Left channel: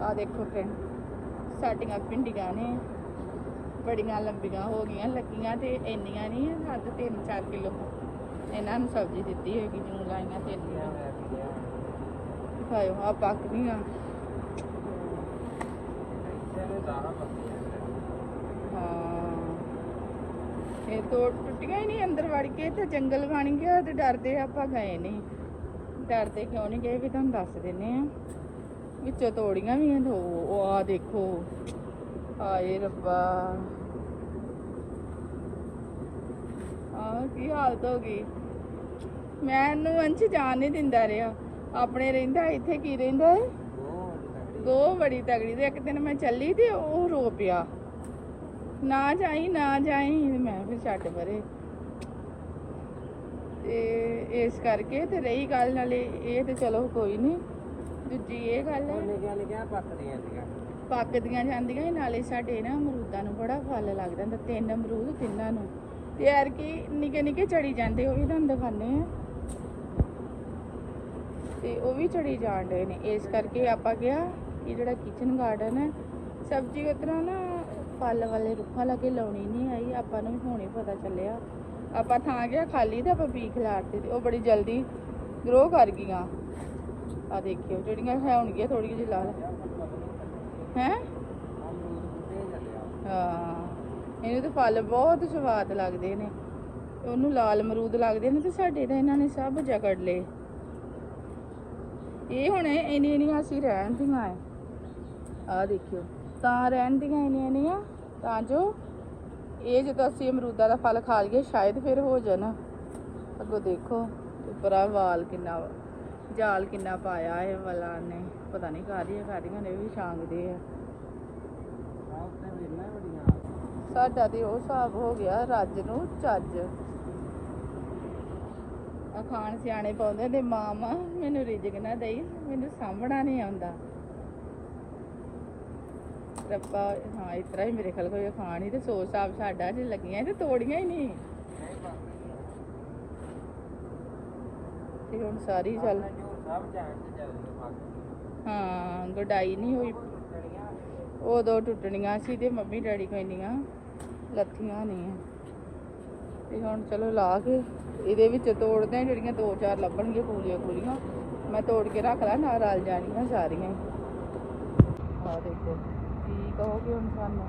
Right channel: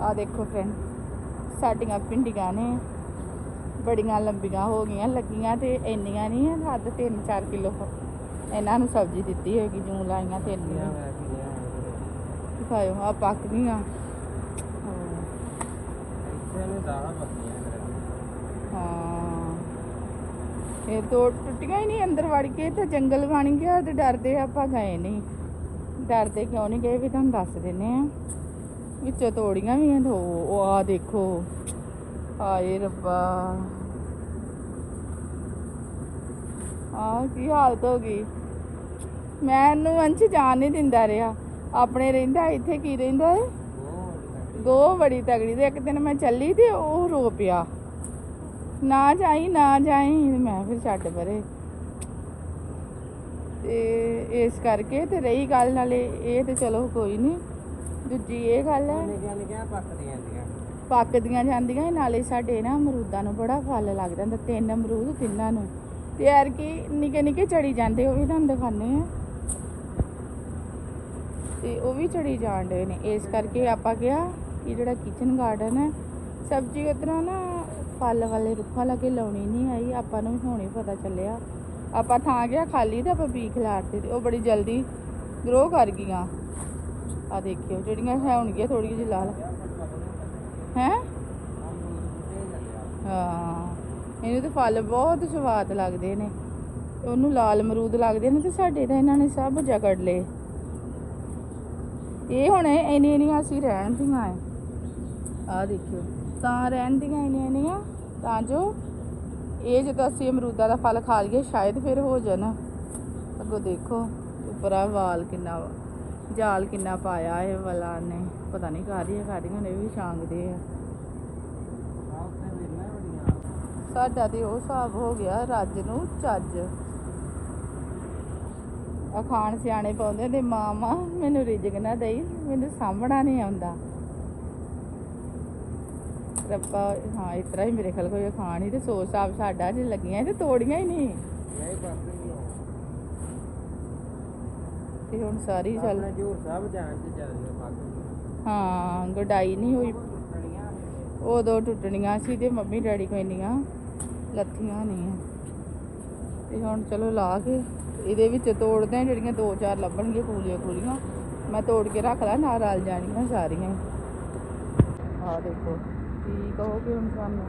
ਆ ਦੇਖੋ ਫਰੈਂਡ ਸਾਡੀਆਂ ਪਿੰਡੀਆਂ ਨੇ। ਬੜੀਆਂ ਲੰਬੀਆਂ ਹੋ ਗਈਆਂ ਲੱਗੀਆਂ ਤੇ ਇੰਨੀਆਂ ਨਹੀਂ ਆ ਹੱਦ 3-4 ਕਿਲੋ ਇਹਨਾਂ ਨੂੰ ਸਬਜ਼ੀ ਦਿੱਤੀ ਹੋਏਗੀ ਜੂੰ ਲਾਈਆਂ ਤੇ ਇੰਨੀਆਂ। ਦਿਖਾਇਓ ਆ ਪੱਕ ਗਈਆਂ। ਹਾਂ। ਇਹ ਤੋਂ ਟੁੱਟੀਆਂ ਹੀ ਨਹੀਂ ਅੰਦਰ ਵੜ ਕੇ ਤੇ ਜੰਗਲ ਬਣ ਗਿਆ ਤੇ ਡਰਦੇ ਆਪਾਂ ਗਏ ਨਹੀਂ। ਡਰਦੇ ਕਿਉਂ ਨਹੀਂ ਗਏ ਵੀ ਤੁਹਾਨੂੰ ਦੱਸ ਦਿੰਨੇ ਆ। ਵਿੱਚੋਂ ਤੋੜੀਆਂ ਵੀ ਆ ਉਹ ਆ ਦੇਖੋ। ਆਏ ਰੱਬਾ। ਆ ਕੀ ਹਾਲਤ ਹੋ ਗਈ। ਮੈਨੂੰ ਅੰਸ਼ ਜਾਣ ਨਹੀਂ ਦਿੰਦਾ ਰਿਹਾ। ਆਪਣੇ ਰਹਿੰਦਾ ਇੱਥੇ ਕੀ ਰਹਿੰਦਾ ਏ ਦੋ ਬੜੀ ਤਗੜੀ ਤੇ ਇੱਕ ਦਿਨ ਮੈਂ ਚੱਲੀ ਤੇ ਉਹ ਰੋ ਪਿਆ। ਨਾ ਜਾਈ ਨਾ ਜਾਈ, ਮੈਂ ਫਿਰ ਛੱਡ ਪਰੇ। ਤੇ ਇਸ ਕਰਕੇ ਤੇ ਰਹੀ ਗੱਲ ਨਾਲੇ, ਇਹ ਤੇ ਚਲੋ ਕੋਈ ਨਹੀਂ। ਦੂਜੀ ਇਹ ਗੱਲ ਹੈ। ਪੱਕਦੀਆਂ ਜਾਂਦੀਆਂ। ਨਾਲੇ ਸਾਡੇ ਨਾ ਅਮਰੂਦਾਂ ਨੂੰ ਬੜਾ ਫਲ ਲੱਗਦਾ ਹੁੰਦਾ ਤਿੰਨ ਅਮਰੂਦ ਤਿੰਨਾਂ ਨੂੰ। ਤੇ ਯਾਰ ਕੀ ਨਿੱਕੇ ਨਿੱਕੇ ਚੜੀ ਜਾਂਦੇ ਉਹ ਵੀ ਤੁਹਾਨੂੰ ਦਿਖਾਣੇ ਆ ਤੇ ਉਹ ਵੀ ਚੜੀ ਜਾਣ ਡਏ ਨੇ। ਇਸ ਕਰਕੇ ਆਪਾਂ ਕਿਹਾ ਕਿ ਜਿਹੜਾ ਕਿਚਨ ਗਾਰਡਨ ਹੈ ਸਬਜ਼ੀ ਉਤਰਾ ਨਾ ਫਲ ਵਾਲੇ ਰੁੱਖਾਂ ਲਾਗੇ ਲਾਉਣੀ ਨਹੀਂ ਆਈ ਆਪਾਂ ਨੂੰ ਹੁਣੇ ਪਤਾ ਚੱਲਿਆ। ਆਪਾਂ ਥਾਂ ਗਿਆ ਖਾਲੀ ਤੇ ਆਪਾਂ ਬੀ ਖਿਲਾਰਤੇ ਤੇ ਉਹ ਬੜੀ ਜਲਦੀ ਗਰੋ ਕਰ ਗਈਆਂ। ਆ ਦੇਖਿਓ, ਜਿਹੜੀਆਂ ਹੈ ਹੋਣਗੀਆਂ ਥੋੜੀ ਜਿਹੀ ਲਾਲ ਹੈ? ਹਾਂ, ਇਹਨੂੰ ਤੇ ਫਲ ਬਹੁਤ ਸਵਾਦ ਲੱਗਦੇ ਨੇ। ਉਹਨੂੰ ਲਾਲ ਅਮਰੂਦ ਲੱਗਦੇ ਨੇ ਤੇ ਸਾਡੇ ਤਾਂ ਇਹਨਾਂ ਨੇ ਸਭ ਜਗੜ ਲਏ। ਇਹ ਹੁਣ ਇੰਨੀ ਇੰਨੀਆਂ ਅਸੀਂ ਰਹਿਣ ਦੀਆਂ ਆ ਆ ਦੇਖਿਓ, ਤਾਂ ਰਹਿਣ ਦੀਆਂ ਇੰਨੀਆਂ ਇੰਨੀਆਂ, ਤਾਂ ਜੋ ਇਹ ਜਦੋਂ ਅਸੀਂ ਅਮਰੂਦਾਂ ਦਾ ਫਲ ਖਾ ਲਈਏ, ਸ਼ਾਇਦ ਫਿਰ ਹੋ ਜਾਣਾ। ਅੱਗੋਂ ਦੇਖੋ, ਉੱਪਰ ਆ ਵਾਲ ਕਿੰਨਾ ਵਾ। ਜਾਲ ਕਿੰਨਾ ਪਾਇਆ ਇਹ ਵਾਲਾ ਨੇ, ਪਤਾ ਨਹੀਂ ਕਾਹਦੀਆਂ ਕਾਹਦੀਆਂ ਨੇ ਵੀ ਛਾਂਗਦੇ ਆ। ਸਾਡਾ ਤੇ ਉਹ ਹਿਸਾਬ ਹੋ ਗਿਆ ਰੱਜ ਨੂੰ ਚੱਜ। ਅਖਾਣ ਸਿਆਣੇ ਪਾਉਂਦੇ ਨੇ ਮਾਮਾ ਮੈਨੂੰ ਰਿਜਕ ਨਾ ਦੇਈ, ਮੈਨੂੰ ਸਾਂਭਣਾ ਨਹੀਂ ਆਉਂਦਾ। ਰੱਬਾ, ਹਾਂ, ਇਸ ਤਰ੍ਹਾਂ ਹੀ ਮੇਰੇ ਖਿਆਲ ਕੋਈ ਅਖਾਣ ਹੀ ਤੇ ਸੋ ਸਾਬ ਸਾਡਾ ਜੇ ਲੱਗੀਆਂ ਤੇ ਤੋੜੀਆਂ ਹੀ ਨਹੀਂ। ਤੇ ਹੁਣ ਸਾਰੀ ਚੱਲ ਹਾਂ ਗਡਾਈ ਨਹੀਂ ਹੋਈ। ਉਦੋਂ ਟੁੱਟਣੀਆਂ ਸੀ ਤੇ ਮੰਮੀ ਡੈਡੀ ਕੋਈ ਇੰਨੀਆਂ ਲੱਥੀਆਂ ਨਹੀਂ ਆ। ਤੇ ਹੁਣ ਚਲੋ ਲਾ ਕੇ ਇਹਦੇ ਵਿੱਚ ਤੋੜਦੇ ਆ ਜਿਹੜੀਆਂ ਦੋ ਚਾਰ ਲੱਭਣਗੀਆਂ ਕੂਲੀਆਂ ਕੂਲੀਆਂ। ਮੈਂ ਤੋੜ ਕੇ ਰੱਖ ਲਾ ਨਾਲ ਰਲ ਜਾਣੀਆਂ ਸਾਰੀਆਂ ਹੀ। ਆ ਦੇਖੋ। ਕੀ ਕਹੋਗੇ ਹੁਣ ਸਾਨੂੰ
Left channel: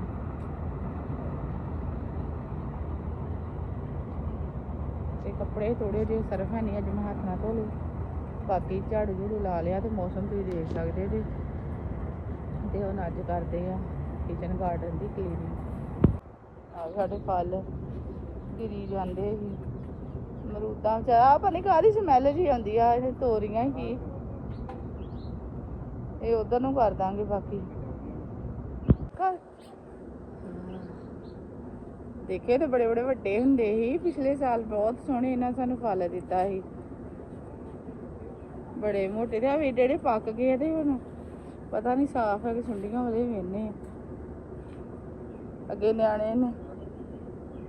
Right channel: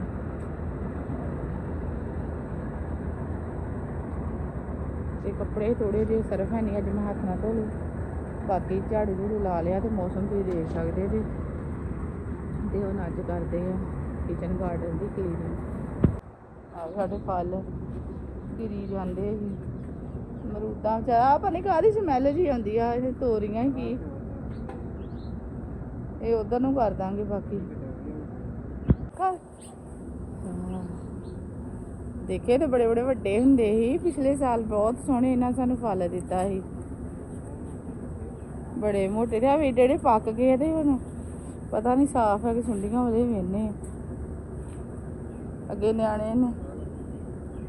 ਤੇ ਕੱਪੜੇ ਥੋੜੇ ਜਿਹੇ ਸਰਫ ਹੈ ਨਹੀਂ ਅੱਜ ਮੈਂ ਹੱਥ ਨਾਲ ਧੋ ਬਾਕੀ ਝਾੜੂ ਝੂੜੂ ਲਾ ਲਿਆ ਤੇ ਮੌਸਮ ਤੁਸੀਂ ਦੇਖ ਸਕਦੇ ਜੀ। ਤੇ ਹੁਣ ਅੱਜ ਕਰਦੇ ਆ ਕਿਚਨ ਗਾਰਡਨ ਦੀ ਕਲੀਨਿੰਗ ਸਾਡੇ ਫਲ ਧੀਰੀ ਜਾਂਦੇ ਸੀ ਮਰੂਦਾਂ ਚ ਆ ਪਤਾ ਨਹੀਂ ਸਮੈਲ ਜੀ ਆਉਂਦੀ ਆ, ਇਹ ਤੋਰੀਆਂ ਕੀ। ਇਹ ਉਧਰ ਨੂੰ ਕਰ ਦਾਂਗੇ ਬਾਕੀ ਕਰ। ਦੇਖੇ ਤੇ ਬੜੇ ਬੜੇ ਵੱਡੇ ਹੁੰਦੇ ਸੀ। ਪਿਛਲੇ ਸਾਲ ਬਹੁਤ ਸੋਹਣੇ ਇਹਨਾਂ ਸਾਨੂੰ ਫਲ ਦਿੱਤਾ ਸੀ। ਬੜੇ ਮੋਟੇ ਤੇ ਆ ਵੀ ਜਿਹੜੇ ਪੱਕ ਗਏ ਤੇ ਹੁਣ ਪਤਾ ਨਹੀਂ ਸਾਫ਼ ਹੈ ਕਿ ਸੁੰਡੀਆਂ ਉਹਦੇ ਵੇਨੇ ਅੱਗੇ ਨਿਆਣੇ ਨੇ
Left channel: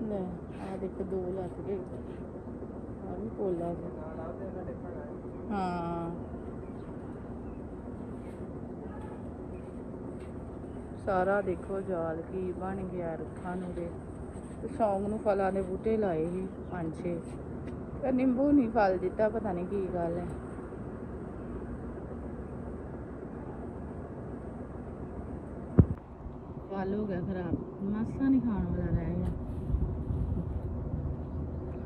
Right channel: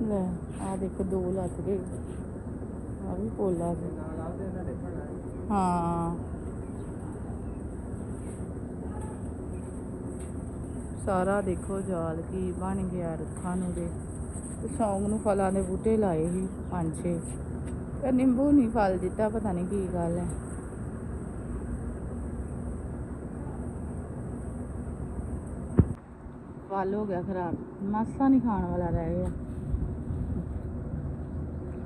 ਲੈ ਆ ਦੇਖ ਦੋ ਲੱਗ ਗਏ। ਆ ਵੀ ਪੋਲਾ ਹਾਂ। ਸਾਰਾ ਦੇਖੋ ਜਾਲ ਕੀ ਬਣ ਗਿਆ ਰੁੱਖਾਂ ਨੂੰ ਦੇ ਸੌਂਕ ਨੂੰ ਫਲਾਂ ਦੇ ਬੂਟੇ ਲਾਏ ਸੀ, ਪੰਜ ਛੇ। ਤੇ ਨਿੰਬੂ ਨਹੀਂ ਫਲ ਦਿੱਤਾ, ਪਤਾ ਨਹੀਂ ਕੀ ਗੱਲ ਹੈ ਫਲ ਹੋ ਗਿਆ ਖਰਾਬ, ਮਾਸਾ ਨਹੀਂ ਖਾਣ ਵਾਲਾ ਰਹਿ ਗਿਆ।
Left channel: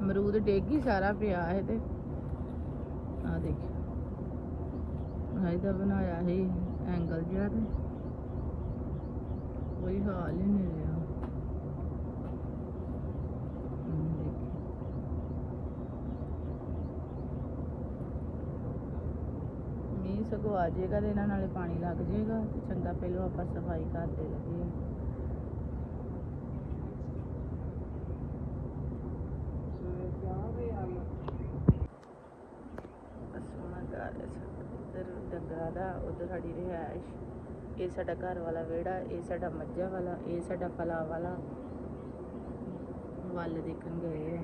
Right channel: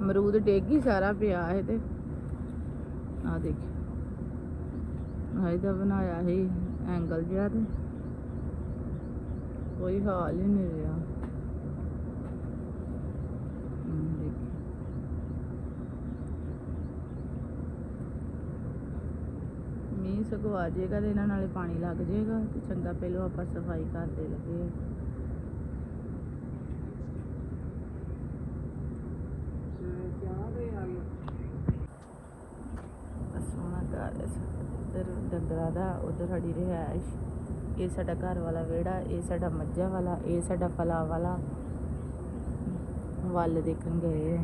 ਅਮਰੂਦ ਡੇਗੀ ਸਾਰਾ ਪਿਆ ਹੈ ਤੇ। ਆ ਦੇਖੀ। ਆਹ ਦਾ ਬਣਾਇਆ ਸੀ, ਐਂਗਲ ਜਿਹਾ ਤੇ। ਕੋਈ ਹਾਲ ਹੀ ਨਹੀਂ ਰਿਹਾ ਹਮ, ਦੇਖੀ। ਸਗੋਂ ਆ ਜਾਏਗਾ ਤੇ ਇਹਨਾਂ ਨਾਲੇ ਪਾਣੀ ਲੱਗ ਜਾਏਗਾ ਤੇ ਚੰਗਾ ਪਹਿਲਾਂ ਆਪਾਂ ਸਫ਼ਾਈ ਕਰਦੇ ਲੱਗੇ। ਡੰਗਰਾਂ ਦਾ ਉਧਰ ਸਾਡੀ ਰਿਹਾਇਸ਼। ਇਹ ਸਾਡਾ ਘਰ ਵਾਲਾ ਵਿਹੜਾ ਇਹ ਸਾਡਾ ਮੱਝਾਂ ਵਾਲਾ ਇਹ ਸਾਡਾ ਫਲਾਂ ਵਾਲਾ। ਵੱਲ ਦੇਖਣ ਗਏ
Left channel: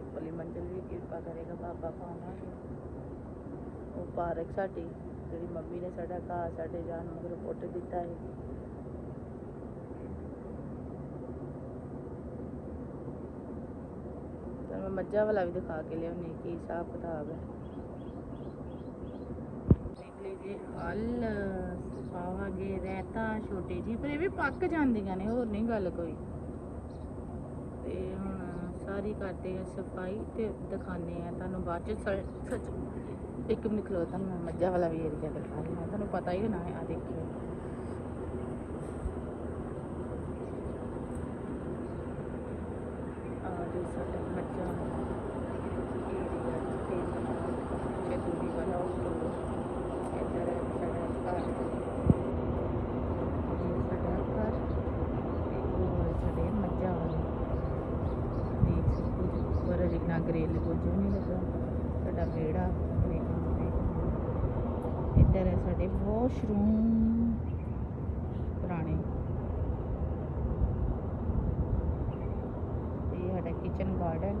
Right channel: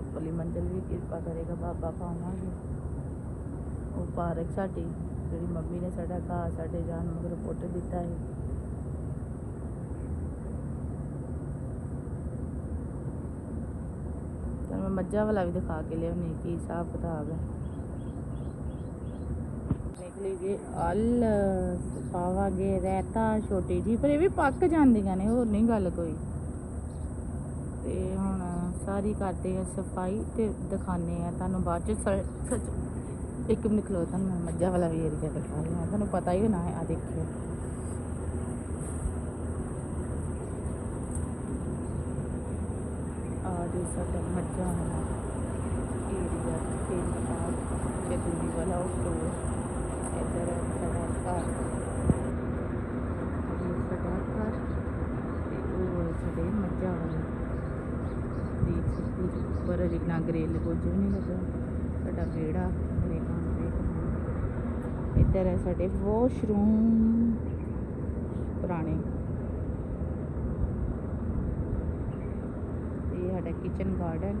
ਹੈ ਉੱਪਰਲੀ ਮੰਜ਼ਿਲ ਵੀ ਕਿਰਪਾ ਕਰੇਗਾ ਬਾਬਾ ਪਾਵਾਂਗੇ ਉਹ ਪਾਰਕ ਸਾਡੀ, ਜਿਹੜੀ ਮੰਮੀ ਨੇ ਸਾਡਾ ਘਾਹ, ਸਾਡੇ ਜਾਨਵਰ ਪੁੱਟ ਦਿੱਤਾ ਹੈ। ਤੁਹਾਨੂੰ ਮੈਂ ਮੱਝਾਂ ਵਾਲਾ ਵੀ ਦਿਖਾ ਕੇ ਲਿਆਉਣੀ ਕੀ ਹਿਸਾਬ ਕਿਤਾਬ ਹੈ। ਨਿਕਲੀ ਜੀ, ਅਲ ਪਾਵਾਂਗੇ ਰਹਿਤਾ ਛੋਟੀ ਜੀ ਪਰ ਇਹ ਵੀ ਪੱਕ ਜਾਂਦੀਆਂ ਨੇ, ਹੋਰ ਨਹੀਂ ਗੱਲ ਕੋਈ। ਤੇ ਹੁਣ ਸਾਰੀ ਕਰਦੇ ਆ ਸਫ਼ਾਈ ਤੇ ਦਿਖਾਣੇ ਆ ਤੁਹਾਨੂੰ ਬਾਅਦ ਚ ਸੱਚ, ਇੱਕ ਮਿੰਟ ਖਲੋ ਤੁਹਾਨੂੰ, ਮੈਂ ਮੱਝਾਂ ਵਾਲਾ ਵੀ ਏਰੀਆ ਦਿਖਾਉਂਦੀ ਆ ਤੁਹਾਨੂੰ ਪਤਾ ਹੀ ਹੋਣਾ ਹੈ ਆ ਦੇਖਿਓ। ਆ ਜੀ ਸਾਡਾ ਮੱਝਾਂ ਵਾਲਾ ਏਰੀਆ ਤਿੰਨ ਆਠ ਪਿੱਛੇ ਦੂਰੀ ਵਾਲਾ ਉਹ ਸਟੋਰ ਇੱਧਰ ਸਾਡਾ ਘਰ ਇਹ ਸਾਡਾ ਘਰ ਤੇ ਉਹ ਹੈ ਸਾਡੇ ਮੱਝਾਂ ਵਾਲਾ ਦੇਖ ਸਕਦੇ ਹੋ ਉੱਪਰ ਅਜੇ ਨਾ ਗ੍ਰਿਲ ਕੁਝ ਵੀ ਨਹੀਂ ਲੱਗਾ ਸਾਡਾ ਵਿਹੜਾ ਮੇਰੇ ਕਮਰੇ ਇੱਧਰ ਹੈ ਸਾਡੇ ਵਾਸ਼ਰੂਮ, ਪੁਰਾਣੇ। ਇਹ ਸਾਡਾ ਕਿਚਨ ਗਾਰਡਨ